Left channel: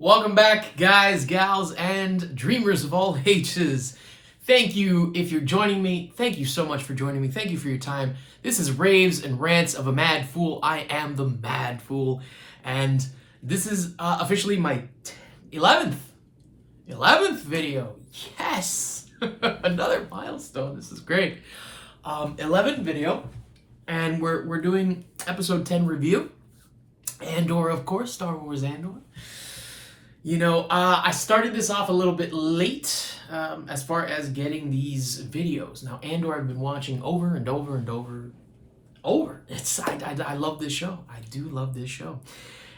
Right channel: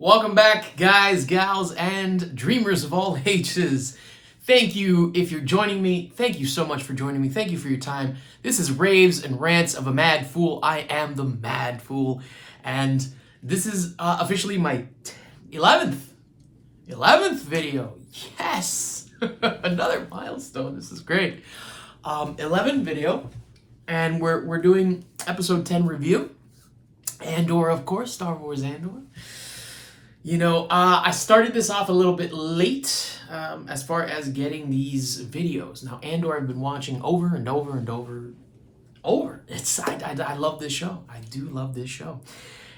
Welcome back, guys, gals, and dreamers of all ages. Thank you if you're joining me. Thank you so much for joining me. Thank you for your time. This is Raves and Rants of a Mad Fool. I am the Mad Fool. And this is officially my 11th video. Yes! Another milestone. This is great. 11 video. And we're doing episode 10 review. Andor, of course, Star Wars Andor. You know, I started this off a little bit late as far as getting these videos. Now, Andor I've been watching over and over and over. I love this show. I do love this show.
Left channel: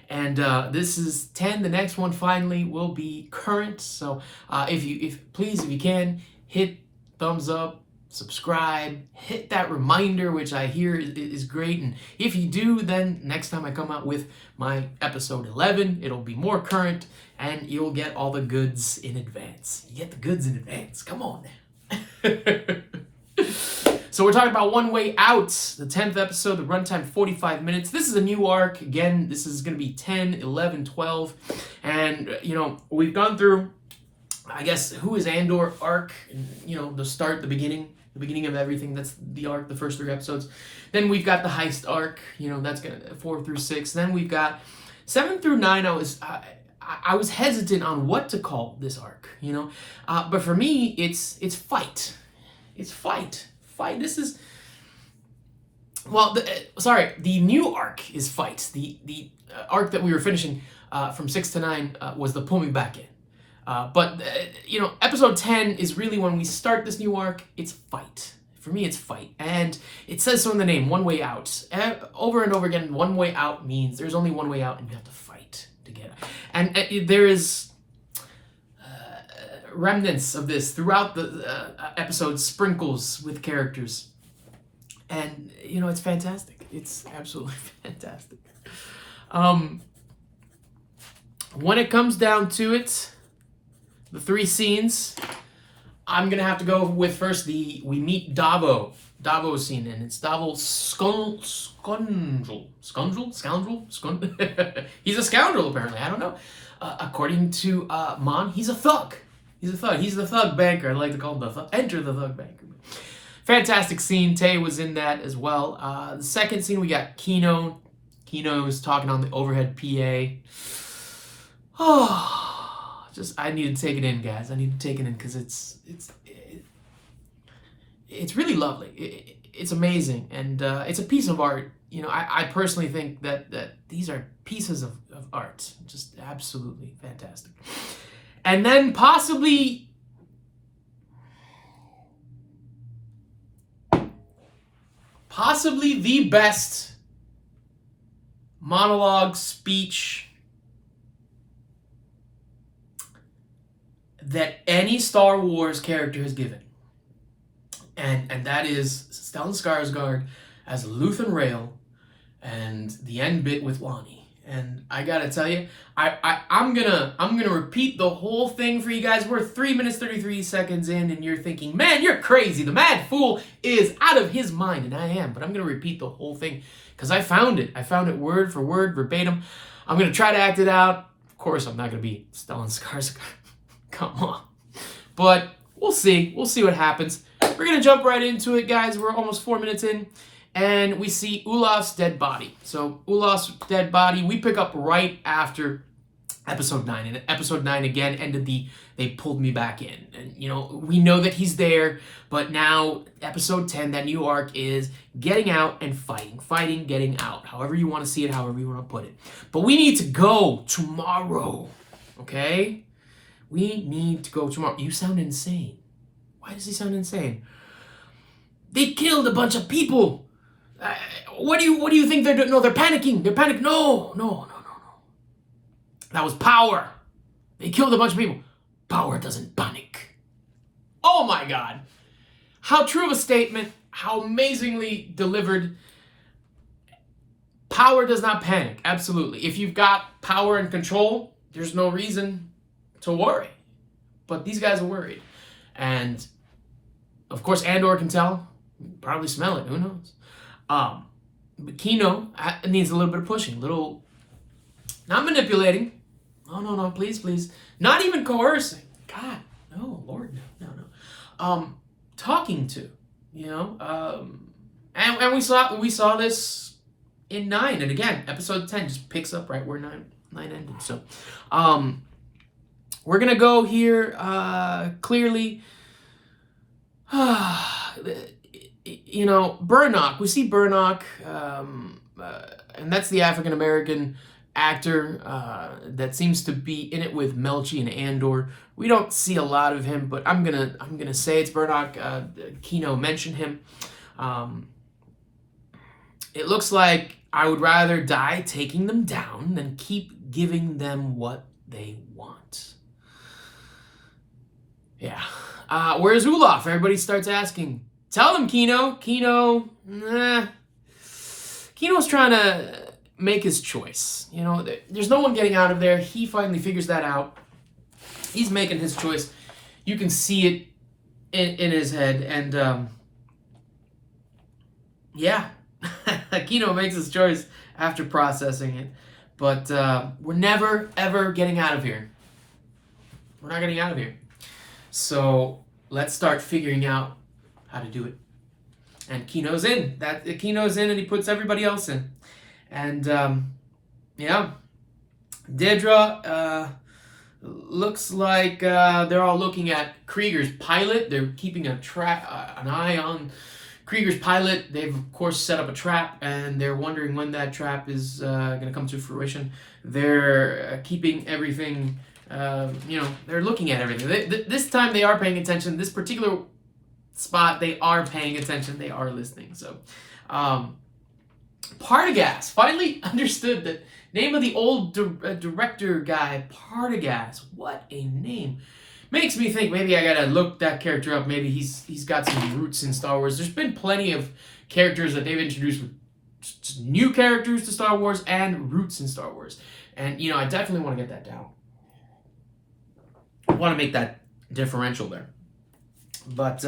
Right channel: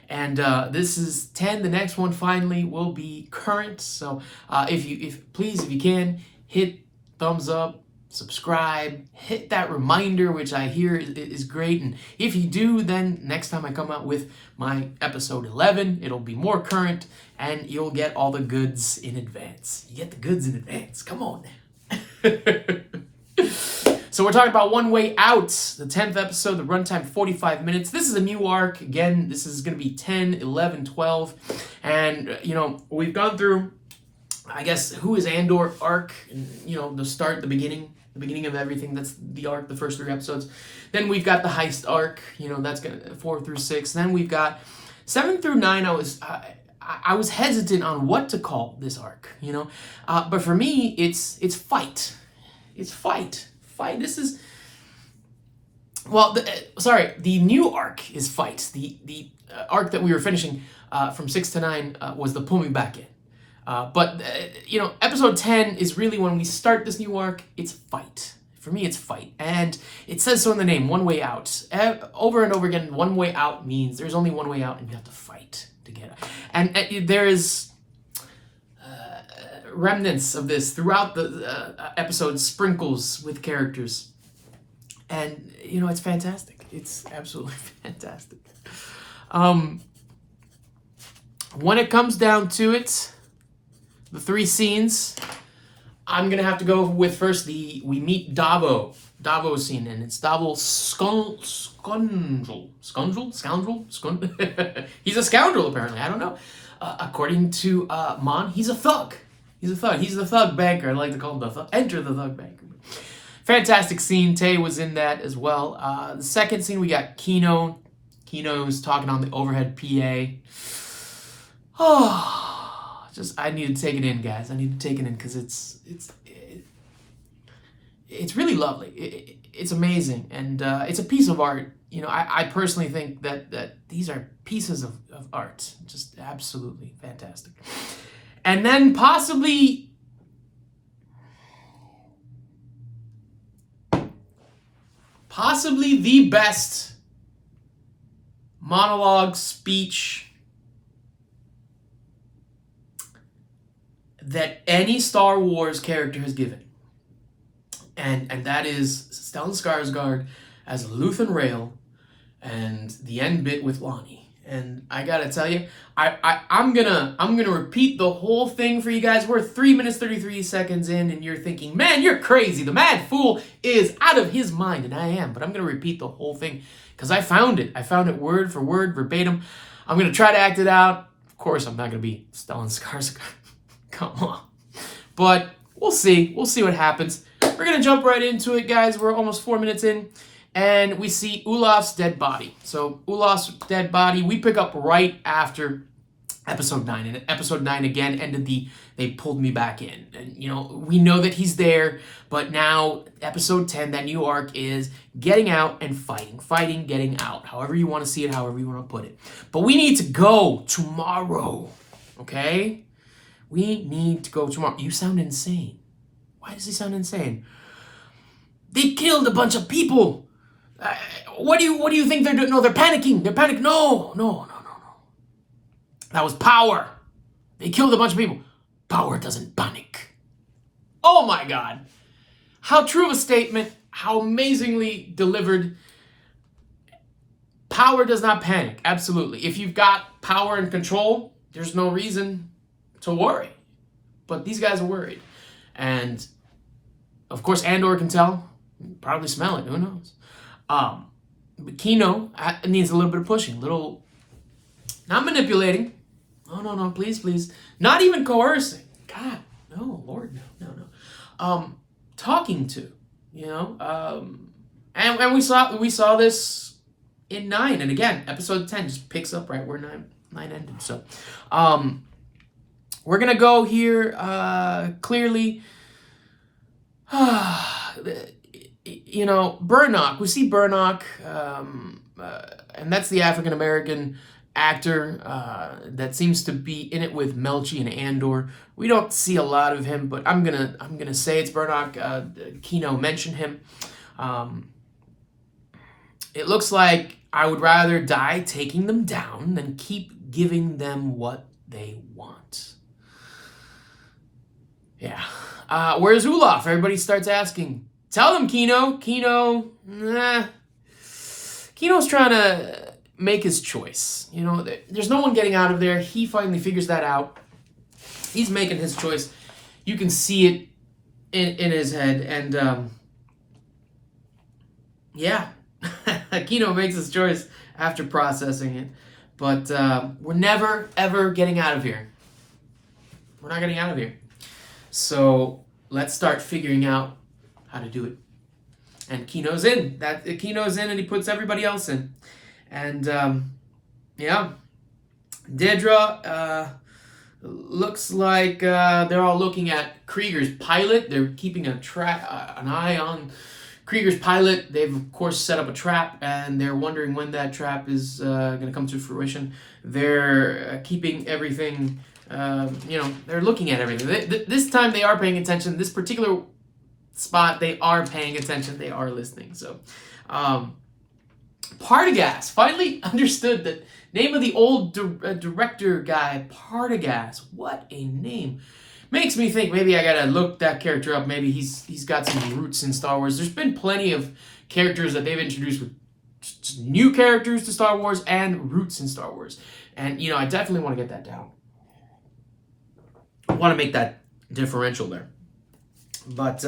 And this is 10. The next one finally will be current. So if you can, hit thumbs up, subscribe, hit that reminder, which I hear is great. And if you do, then next time I come out with my episode 11, it'll be more current and you'll get all the goods in advance. You get the goods in advance. Come on now. So we're talking about One Way Out, the 10th episode, the runtime 45 minutes. This is a new arc. Again, this is going to be 10, 11, 12. And, you know, we've gone through, I guess, Who is Andor arc, and, you know, the beginning of everything. That's the arc, the first 3 episodes. Then we've got the heist arc, you know, that's gonna 4 through 6. Then we've got 7 through 9. I was hesitant on what to call this arc, you know, but for me, it's fight. It's fight. This is, well, the new arc is fight. The arc that we were finishing from 6 to 9 was the pull me back in. But you know, episode 10 is really when we start this new arc. It's fight. For me, it's fight. And it says so in the name, One Way Out. Over and over again, one way out means there's only one way out and you have to fight to get out. And there is remnants of this throughout the episode, sprinkles with characters. And, you know, it's fantastic. It's absolutely fantastic. When it comes down to it, the 3 scenes, I'm going to have to go with first we meet Davo scene, and it's Davo Scoundrel. He's a scoundrel, apparently. I don't know. According to Mon, he's a thug. He's the thug banker. I like to call him Enter the thug banker. Fantastic scene. Tay was in that as well. The second scene, we got Kino. Kino is talking on the overhead PA. Oh. I need to take it in, guys. I need to take it in because it's really lovely. It's amazing, and it's a piece of art. You know, I personally think that these are pieces of art, just absolutely fantastic. And then possibly the best monologue speech that any Star Wars character has given. And that is Stellan Skarsgård as Luthen Rael and the end bit with Lonni. And I gotta tell you, I'm gonna repeat the whole thing for you guys. We're 3 minutes 33 seconds in, and you're thinking, man, you're crazy. The Mad Fool is out of his mind, and I am. But I'm gonna repeat the whole thing because I found it. I found it word for word, verbatim. I'm gonna try to act it out. Of course, I'm not gonna be Stellan Skarsgård. Come on. But we'll see. We'll see what happens. We're going to jump right into it, guys. We're almost 4 minutes in. And we see Olaf's dead body. So Olaf's dead body, we pick up right after episode 9. And episode 9 again ended they pulled me back in. And, you know, we know that he's there. But now episode 10, that new arc is getting out and fighting. Fighting, getting out. However you want to see it, however you want to put it. But we need to go tomorrow. Okay? We need to go tomorrow. You sound insane. Why does he sound insane? They killed a bunch of people. What do you think they're doing? No, they're panicking. They're panicking. No. That was power. They killed a bunch of people. Power doesn't panic. Oh my God. How true of a statement. How amazingly delivered. Power does not panic. Absolutely. If you've got power and control, there's no reason to worry. But these guys are worried. And of course Andor can tell, probably smell it, who knows. But Kino needs a little bit of pushing, not manipulating, no, please. Not even coercing. God, no, Lord, no. Talking to, you know, and we saw this in 9, and again, episode 10 just picks up right where 9 ended. So, we're gonna go here clearly. You know, Burnock. We see Burnock, and that's the African American actor that seems to be in it with Melchi and Andor. We don't see a lot of him, but I'm gonna say it's Burnock. Kino mentioned him. It looks like I would rather die taking them down than keep giving them what they want. Yeah. Where's Olaf? Everybody starts asking. Tell them, Kino. Kino's trying to make his choice. You know, there's no one getting out of there. He finally figures that out. He's making his choice. You can see it in his head. And, yeah. Kino makes his choice after processing it. But we're never, ever getting out of here. We're not getting out of here. So let's start figuring out how to do it. And Kino's in. Kino's in, and he puts everybody else in. And yeah, Dedra looks like they're all looking at Krieger's pilot. They're keeping an eye on Krieger's pilot. They've of course set up a trap, and they're wondering when that trap is going to come to fruition. They're keeping everything. They're looking at everything. This time they are paying attention. This particular spot, they are paying attention. They are listening. So, Partagaz finally understood the name of the old director guy, Partagaz. What a name. Makes me think maybe I gotta look that character up. Maybe he's got some roots in Star Wars. There's been plenty of characters that they've introduced with just new characters to Star Wars and roots in Star Wars. And, I definitely want to get that down. I want to make that differential there. But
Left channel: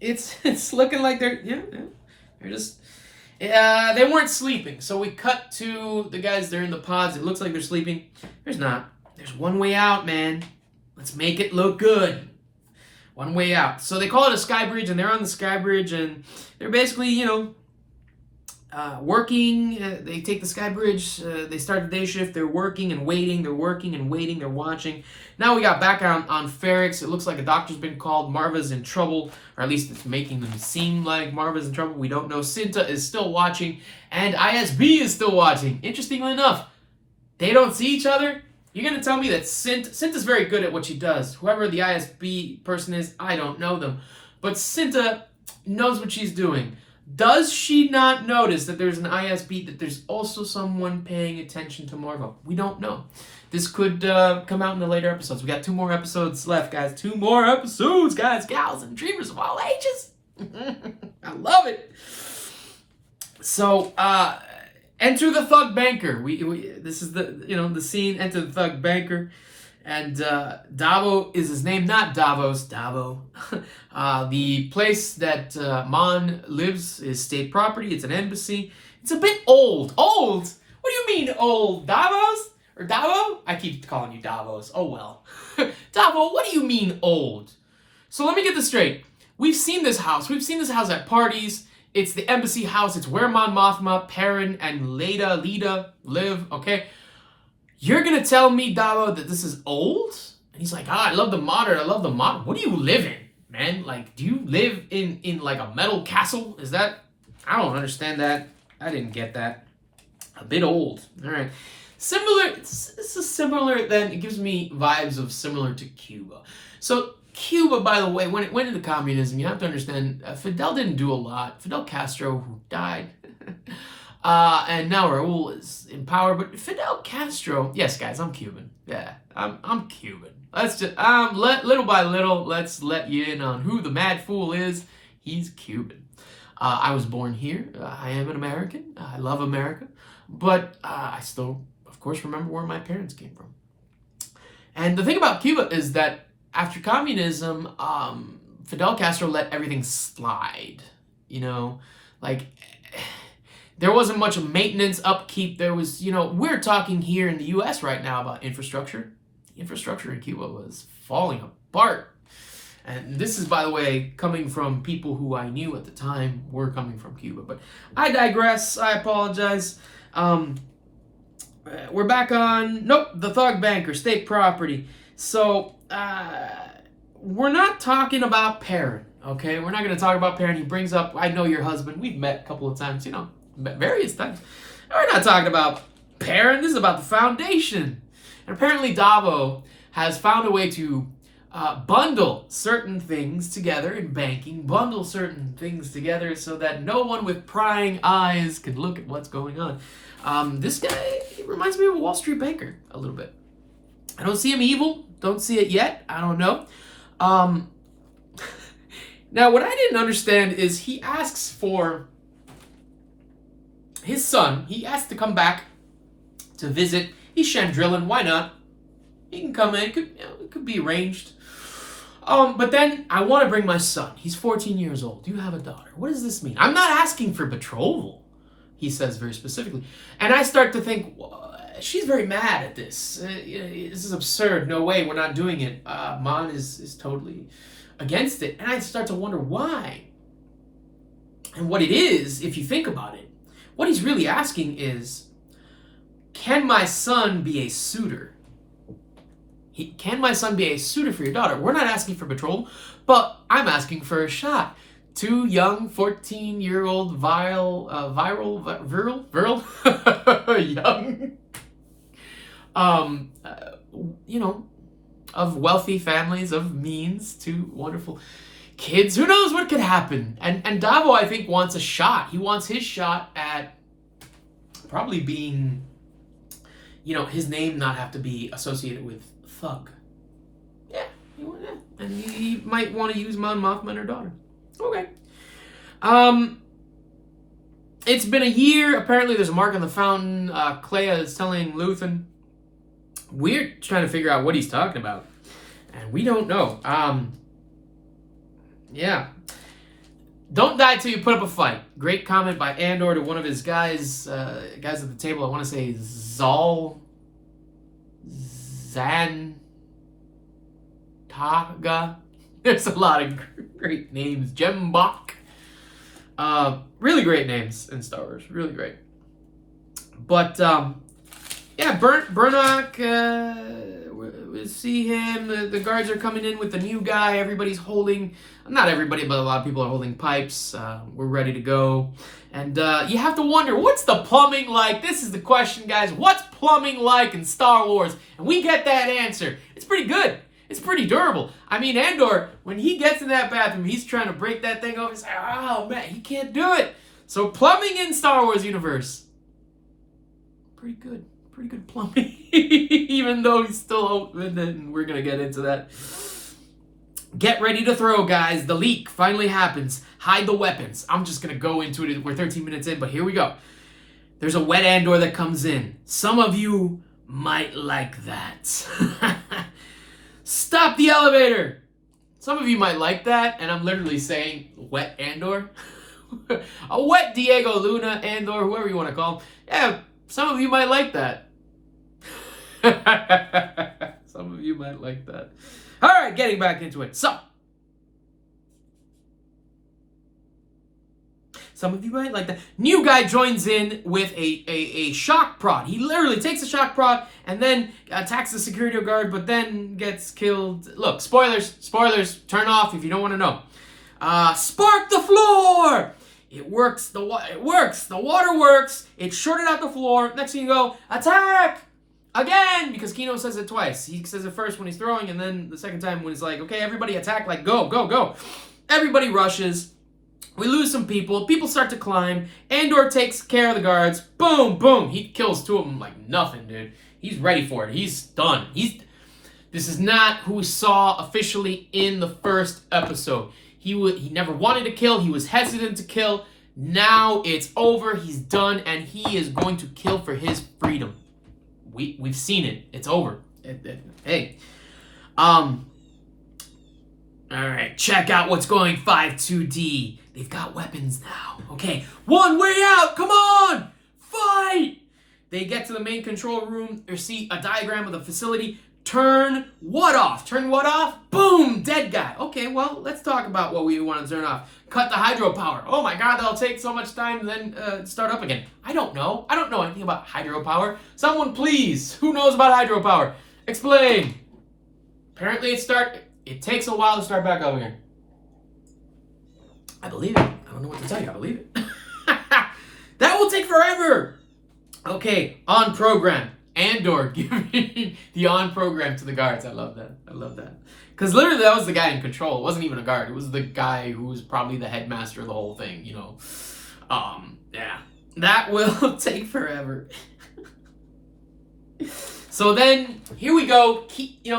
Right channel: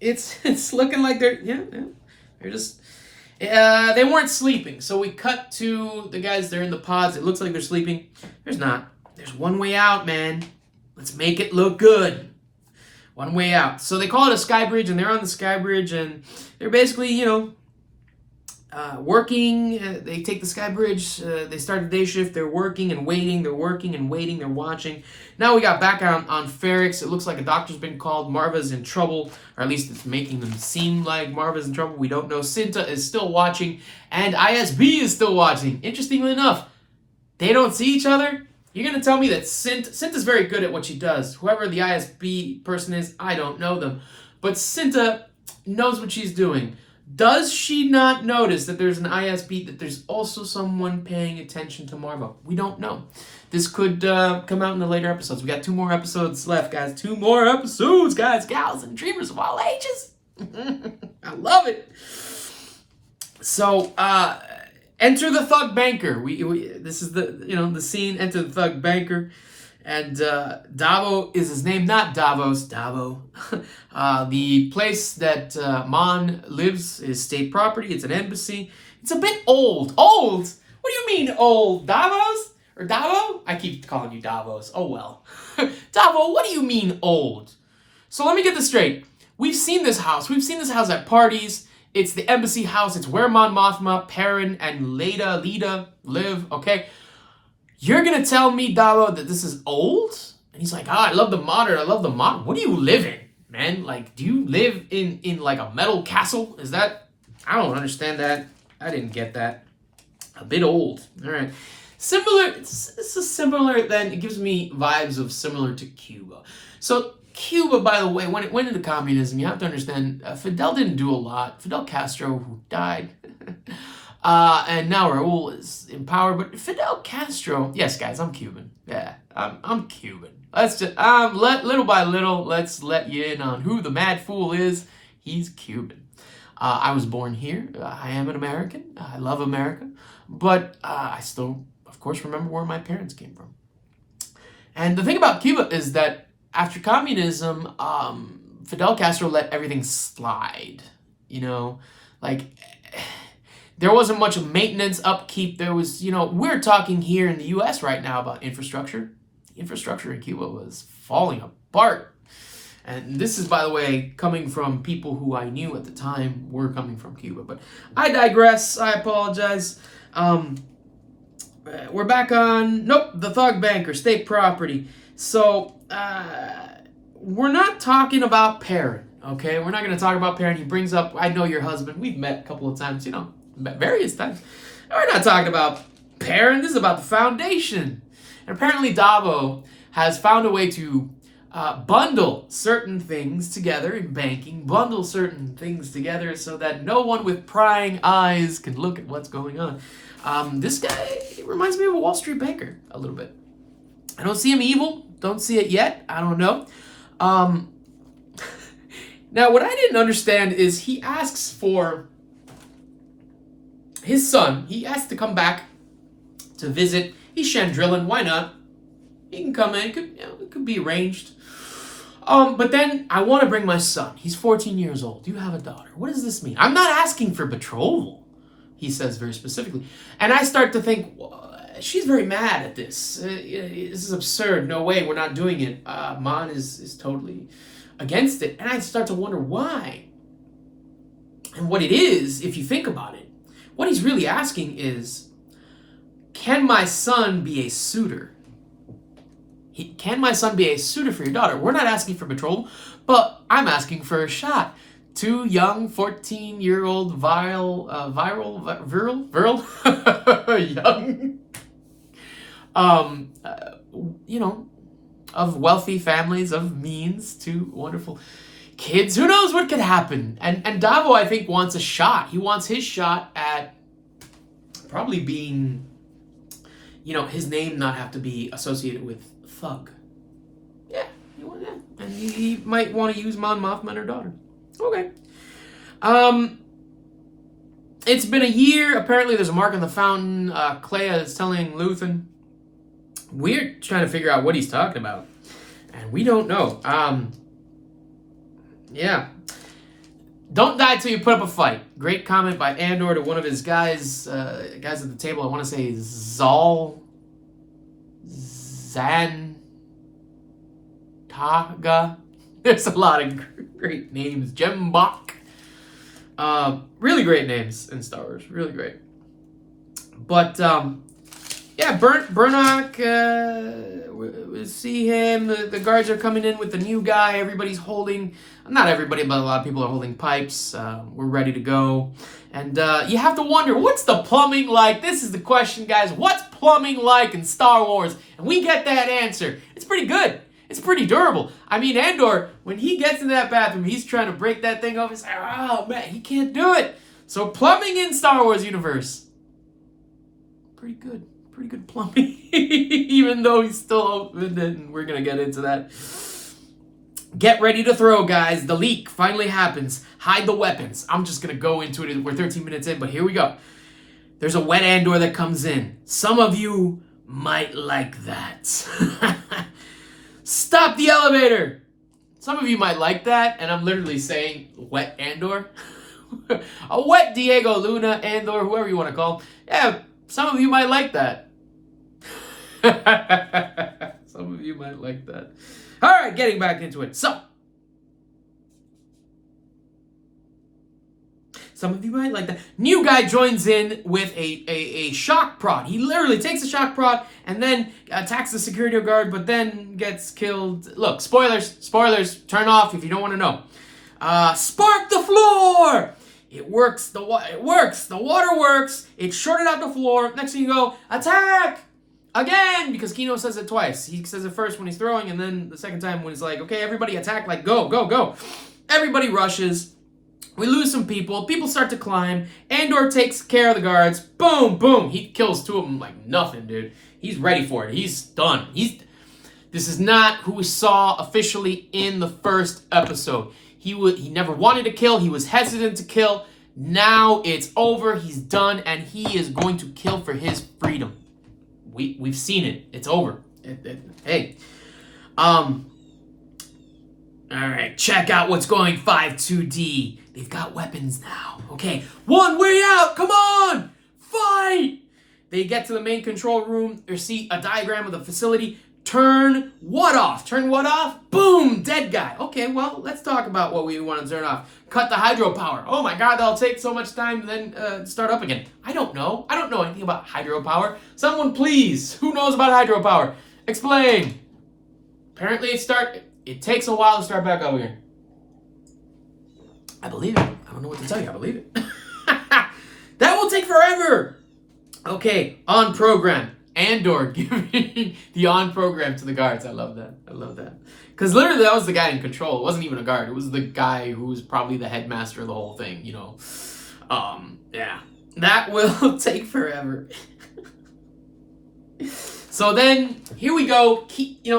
it's looking like they're just they weren't sleeping. So we cut to the guys. They're in the pods. It looks like they're sleeping. There's not. There's one way out, man. Let's make it look good. One way out. So they call it a sky bridge, and they're on the sky bridge, and they're basically working. They take the sky bridge. They start the day shift. They're working and waiting. They're working and waiting. They're watching. Now we got back on Ferrix. It looks like a doctor's been called. Marva's in trouble, or at least it's making them seem like Marva's in trouble. We don't know. Cinta is still watching, and ISB is still watching. Interestingly enough, they don't see each other. You're going to tell me that Cinta's very good at what she does. Whoever the ISB person is, I don't know them. But Cinta knows what she's doing. Does she not notice that there's an ISB, that there's also someone paying attention to Marva? We don't know. This could come out in the later episodes. We got 2 more episodes left, guys. 2 more episodes, guys, gals, and dreamers of all ages. I love it. So, enter the thug banker. This is the scene. Enter the thug banker, and Davo is his name, not Davos. Davo. The place that Mon lives is state property. It's an embassy. It's a bit old. Old? What do you mean old? Davos or Davo? I keep calling you Davos. Oh well. Davo, what do you mean old? So let me get this straight. We've seen this house. We've seen this house at parties. It's the embassy house. It's where Mon Mothma, Perrin, and Leda live, okay? You're going to tell me, Davo, that this is old? And he's like, I love the modern. What do you live in, man? Like, do you live in like a metal castle? Is that? I don't understand that. I didn't get that. A bit old. All right. Similar. This is similar, then it gives me vibes of similar to Cuba. So, Cuba, by the way, when it went into communism, you have to understand, Fidel didn't do a lot. Fidel Castro, who died, and now Raul is in power. But Fidel Castro, yes, guys, I'm Cuban. Yeah, I'm Cuban. Let's just little by little, let's let you in on who the mad fool is. He's Cuban. I was born here. I am an American. I love America, but I still, of course, remember where my parents came from. And the thing about Cuba is that after communism, Fidel Castro let everything slide, like There wasn't much maintenance, upkeep. There was, we're talking here in the U.S. right now about infrastructure. The infrastructure in Cuba was falling apart. And this is, by the way, coming from people who I knew at the time were coming from Cuba. But I digress. I apologize. We're back on, the thug banker, state property. So, we're not talking about Perrin, okay? We're not going to talk about Perrin. He brings up, I know your husband. We've met a couple of times, met various times. We're not talking about Perrin. This is about the Foundation. And apparently Davo has found a way to bundle certain things together in banking, bundle certain things together so that no one with prying eyes can look at what's going on. This guy, he reminds me of a Wall Street banker a little bit. I don't see him evil. Don't see it yet. I don't know. Now, what I didn't understand is he asks for his son. He asked to come back to visit. He's Chandrillan. Why not? He can come in. It could be arranged. But then I want to bring my son. He's 14 years old. You have a daughter. What does this mean? I'm not asking for betrothal, he says very specifically. And I start to think, she's very mad at this. This is absurd. No way. We're not doing it. Mon is totally against it. And I start to wonder why. And what it is, if you think about it, what he's really asking is, can my son be a suitor? Can my son be a suitor for your daughter? We're not asking for betrothal, but I'm asking for a shot. Two young, 14-year-old young, of wealthy families, of means, two wonderful kids. Who knows what could happen? And Davo, I think, wants a shot. He wants his shot at probably being, his name not have to be associated with thug. Yeah. And he might want to use Mon Mothma and her daughter. Okay. It's been a year. Apparently there's a mark on the fountain. Clea is telling Luthen. We're trying to figure out what he's talking about. And we don't know. Yeah. Don't die till you put up a fight. Great comment by Andor to one of his guys at the table. I want to say Zantaga. There's a lot of great names. Jembach. Really great names in Star Wars. Really great. But, Burnock, we see him. The guards are coming in with the new guy. Everybody's holding, not everybody, but a lot of people are holding pipes. We're ready to go. And you have to wonder, what's the plumbing like? This is the question, guys. What's plumbing like in Star Wars? And we get that answer. It's pretty good. It's pretty durable. I mean, Andor, when he gets in that bathroom, he's trying to break that thing off. He's like, oh, man, he can't do it. So plumbing in Star Wars universe, pretty good. Pretty good plumbing. Even though he's still open, and we're going to get into that. Get ready to throw, guys. The leak finally happens. Hide the weapons. I'm just going to go into it. We're 13 minutes in, but here we go. There's a wet Andor that comes in. Some of you might like that. Stop the elevator. Some of you might like that, and I'm literally saying wet Andor. A wet Diego Luna Andor, whoever you want to call him. Yeah, some of you might like that. Some of you might like that. All right, getting back into it. So, some of you might like that. New guy joins in with a shock prod. He literally takes a shock prod and then attacks the security guard, but then gets killed. Look, spoilers, turn off if you don't want to know. Spark the floor! It works. It works. The water works. It shorted out the floor. Next thing you go, attack! Again! Because Kino says it twice. He says it first when he's throwing, and then the second time when he's like, okay, everybody attack, like, go, go, go. Everybody rushes. We lose some people. People start to climb. Andor takes care of the guards. Boom, boom. He kills two of them like nothing, dude. He's ready for it. He's done. This is not who we saw officially in the first episode. He never wanted to kill. He was hesitant to kill. Now it's over. He's done, and he is going to kill for his freedom. We've seen it. It's over. Hey. All right, check out what's going 5-2D. They've got weapons now. Okay, one way out. Come on, fight. They get to the main control room. They see a diagram of the facility. Turn what off? Turn what off? Boom, dead guy. Okay, well, let's talk about what we want to turn off. Cut the hydropower. Oh my God, that'll take so much time to then start up again. I don't know. I don't know anything about hydropower. Someone please, who knows about hydropower? Explain. Apparently it takes a while to start back up again. I believe it. I don't know what to tell you. I believe it. That will take forever. Okay, on program. Andor giving the on program to the guards. I love that. I love that. Because literally that was the guy in control. It wasn't even a guard. It was the guy who was probably the headmaster of the whole thing, you know. Yeah. That will take forever. So then, here we go.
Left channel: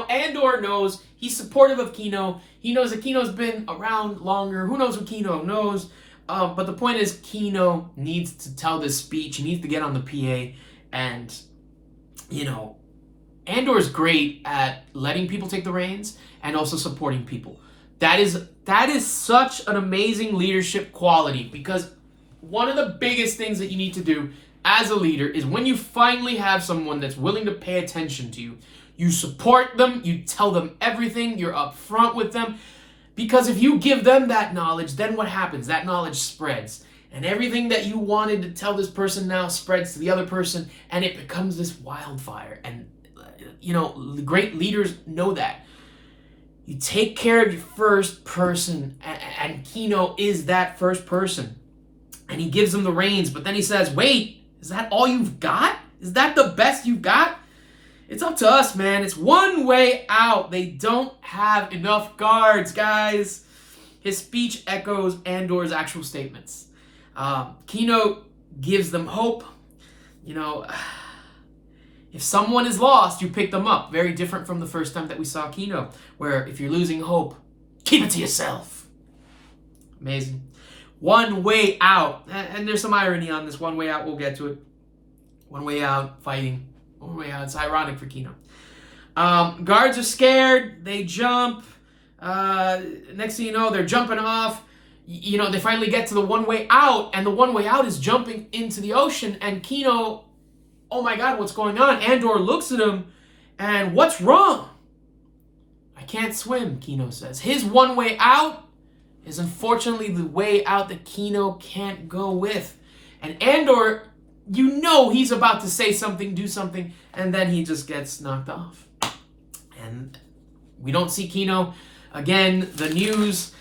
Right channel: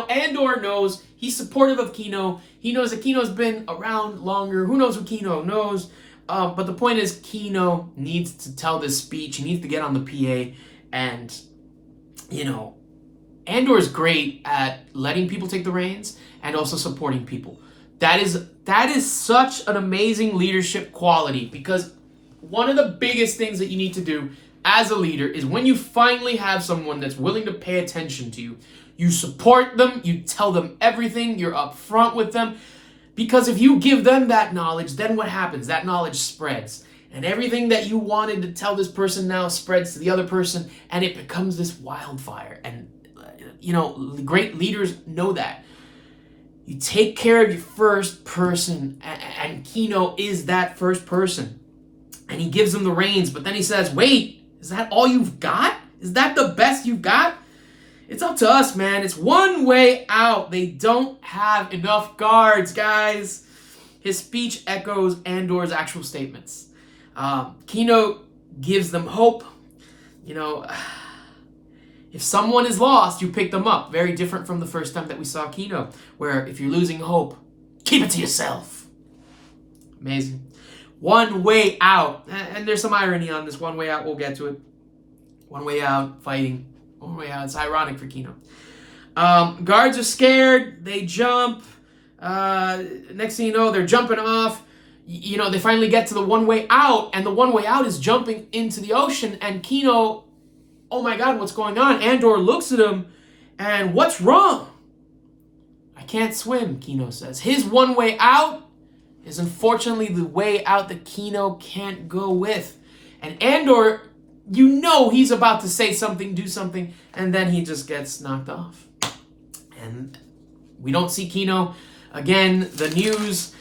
Andor knows. He's supportive of Kino. He knows that Kino's been around longer. Who knows what Kino knows? But the point is, Kino needs to tell this speech. He needs to get on the PA. And, Andor's great at letting people take the reins and also supporting people. That is such an amazing leadership quality, because one of the biggest things that you need to do as a leader is when you finally have someone that's willing to pay attention to you, you support them, you tell them everything, you're upfront with them. Because if you give them that knowledge, then what happens? That knowledge spreads. And everything that you wanted to tell this person now spreads to the other person, and it becomes this wildfire. And, great leaders know that. You take care of your first person, and Kino is that first person. And he gives them the reins, but then he says, wait, is that all you've got? Is that the best you've got? It's up to us, man. It's one way out. They don't have enough guards, guys. His speech echoes Andor's actual statements. Kino gives them hope. If someone is lost, you pick them up. Very different from the first time that we saw Kino, where if you're losing hope, keep it to yourself. Amazing. One way out. And there's some irony on this one way out. We'll get to it. One way out, fighting. One way out. It's ironic for Kino. Guards are scared. They jump. Next thing you know, they're jumping off. They finally get to the one way out. And the one way out is jumping into the ocean. And Kino, oh my God, what's going on? Andor looks at him. And what's wrong? I can't swim, Kino says. His one way out is unfortunately the way out that Kino can't go with. And Andor, he's about to say something, do something, and then he just gets knocked off. And we don't see Kino. Again, the news,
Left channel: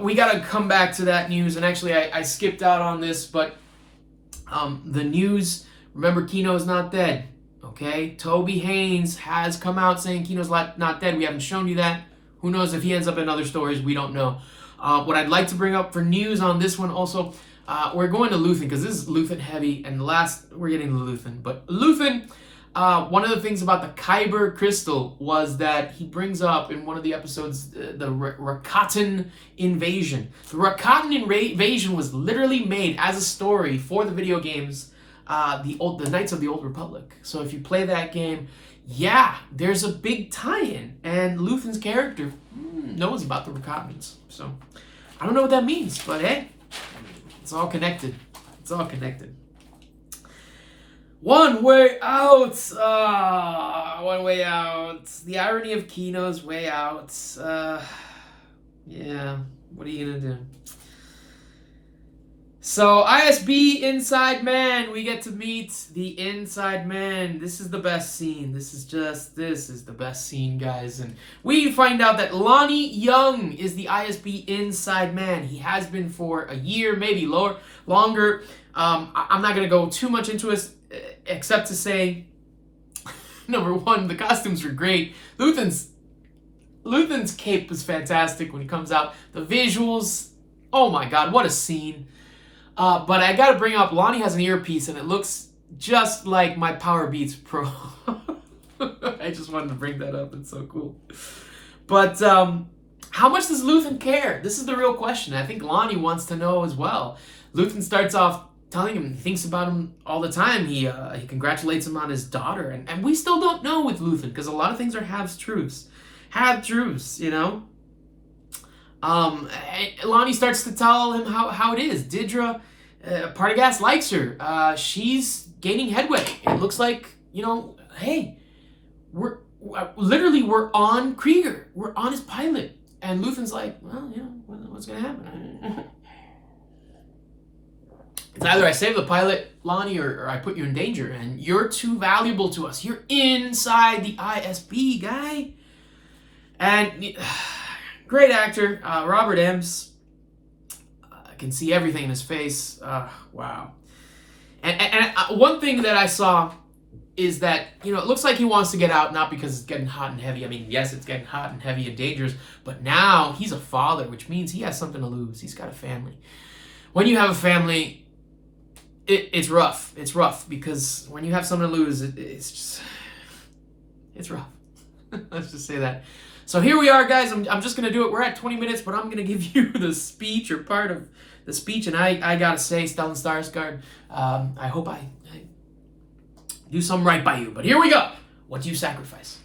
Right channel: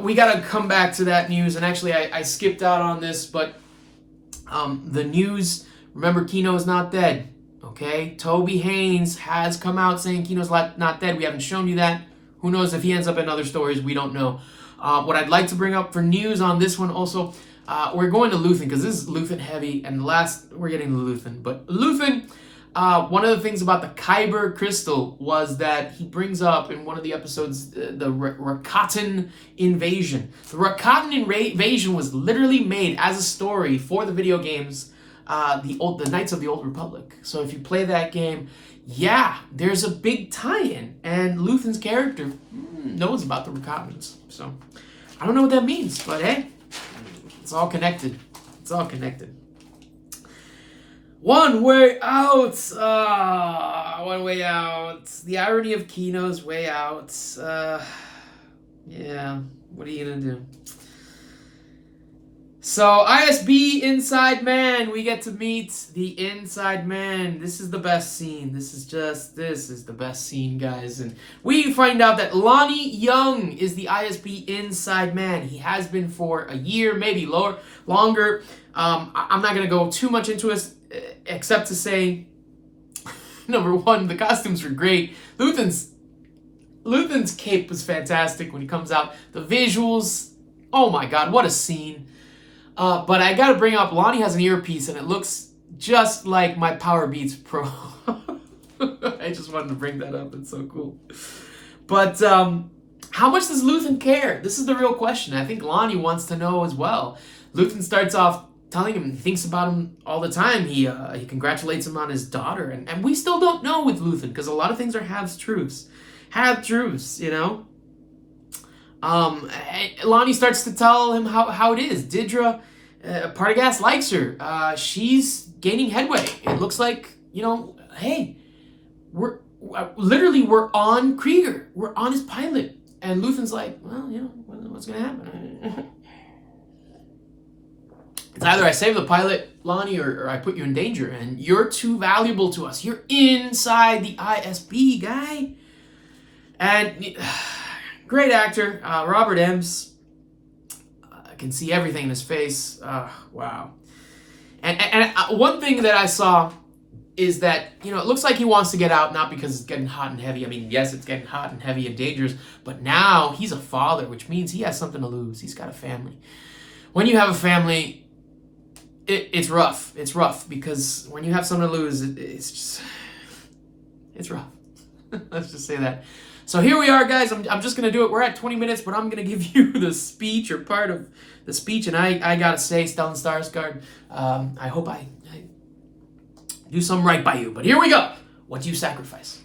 we got to come back to that news. And actually, I skipped out on this, but the news, remember, Kino is not dead, okay? Toby Haynes has come out saying Kino's not dead. We haven't shown you that. Who knows if he ends up in other stories? We don't know. What I'd like to bring up for news on this one also, we're going to Luthen, because this is Luthen heavy, and we're getting to Luthen. But Luthen, one of the things about the Kyber crystal was that he brings up in one of the episodes the Rakatan invasion. The Rakatan invasion was literally made as a story for the video games, the Knights of the Old Republic. So if you play that game, yeah, there's a big tie-in, and Luthen's character knows about the Rakatans. So I don't know what that means, but hey, it's all connected. It's all connected. One way out. One way out. The irony of Kino's way out. Yeah, what are you gonna do? So, ISB Inside Man. We get to meet the Inside Man. This is the best scene. This is the best scene, guys. And we find out that Lonni Jung is the ISB Inside Man. He has been for a year, maybe longer. I'm not going to go too much into it, except to say, number one, the costumes were great. Luthen's cape was fantastic when he comes out. The visuals, oh my God, what a scene. But I gotta bring up, Lonni has an earpiece and it looks just like my Power Beats Pro. I just wanted to bring that up. It's so cool. But how much does Luthen care? This is the real question. I think Lonni wants to know as well. Luthen starts off telling him, he thinks about him all the time. He congratulates him on his daughter. And we still don't know with Luthen, because a lot of things are half-truths. Half-truths, Lonni starts to tell him how it is. Didra, Partagas likes her. She's gaining headway. It looks like, hey, we're on Krieger. We're on his pilot. And Luthen's like, well, what's going to happen? It's either I save the pilot, Lonni, or I put you in danger. And you're too valuable to us. You're inside the ISB, guy. And great actor, Robert Ems. I can see everything in his face. Wow. And one thing that I saw is that, it looks like he wants to get out, not because it's getting hot and heavy. I mean, yes, it's getting hot and heavy and dangerous, but now he's a father, which means he has something to lose. He's got a family. When you have a family, it's rough. It's rough because when you have something to lose, it's rough. Let's just say that. So here we are, guys. I'm just going to do it. We're at 20 minutes, but I'm going to give you the speech or part of the speech. And I got to say, Stellan Skarsgård, I hope I do something right by you. But here we go. What do you sacrifice?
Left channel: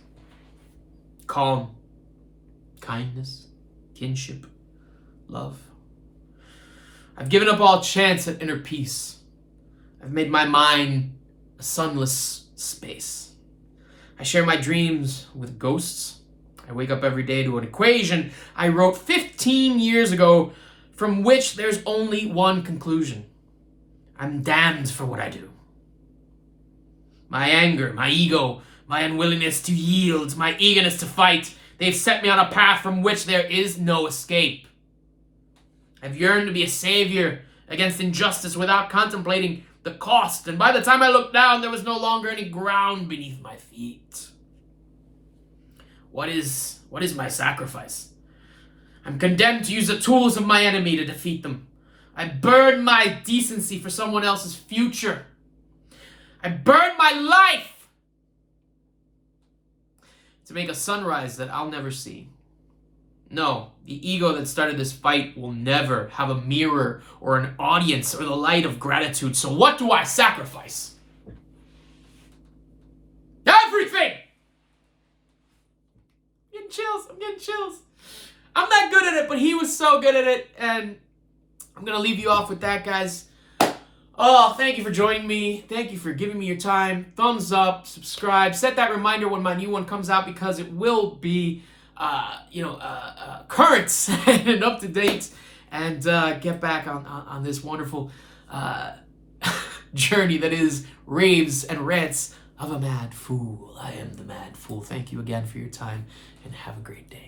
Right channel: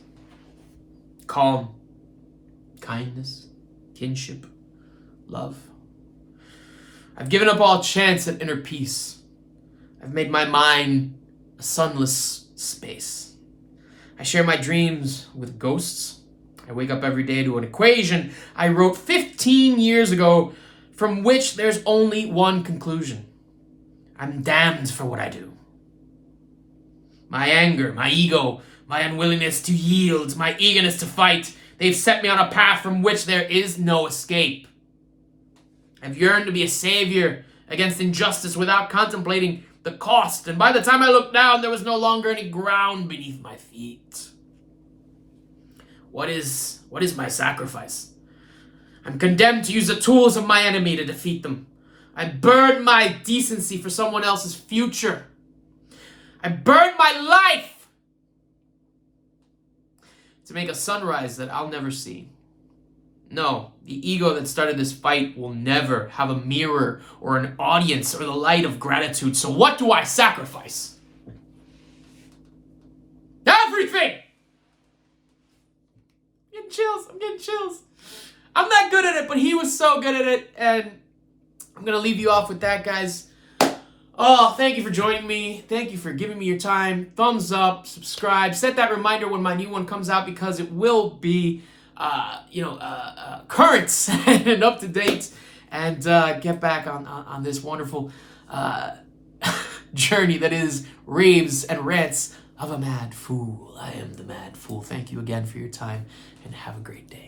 Calm, kindness, kinship, love. I've given up all chance at inner peace. I've made my mind a sunless space. I share my dreams with ghosts. I wake up every day to an equation I wrote 15 years ago, from which there's only one conclusion. I'm damned for what I do. My anger, my ego, my unwillingness to yield, my eagerness to fight, they've set me on a path from which there is no escape. I've yearned to be a savior against injustice without contemplating the cost, and by the time I looked down, there was no longer any ground beneath my feet. What is my sacrifice? I'm condemned to use the tools of my enemy to defeat them. I burn my decency for someone else's future. I burn my life to make a sunrise that I'll never see. No, the ego that started this fight will never have a mirror or an audience or the light of gratitude. So what do I sacrifice? Everything! I'm getting chills. I'm not good at it, but he was so good at it. And I'm going to leave you off with that, guys. Oh, thank you for joining me. Thank you for giving me your time. Thumbs up, subscribe, set that reminder when my new one comes out, because it will be current and up to date, and get back on this wonderful journey that is raves and rants of a mad fool. I am the mad fool. Thank you again for your time, and have a great day.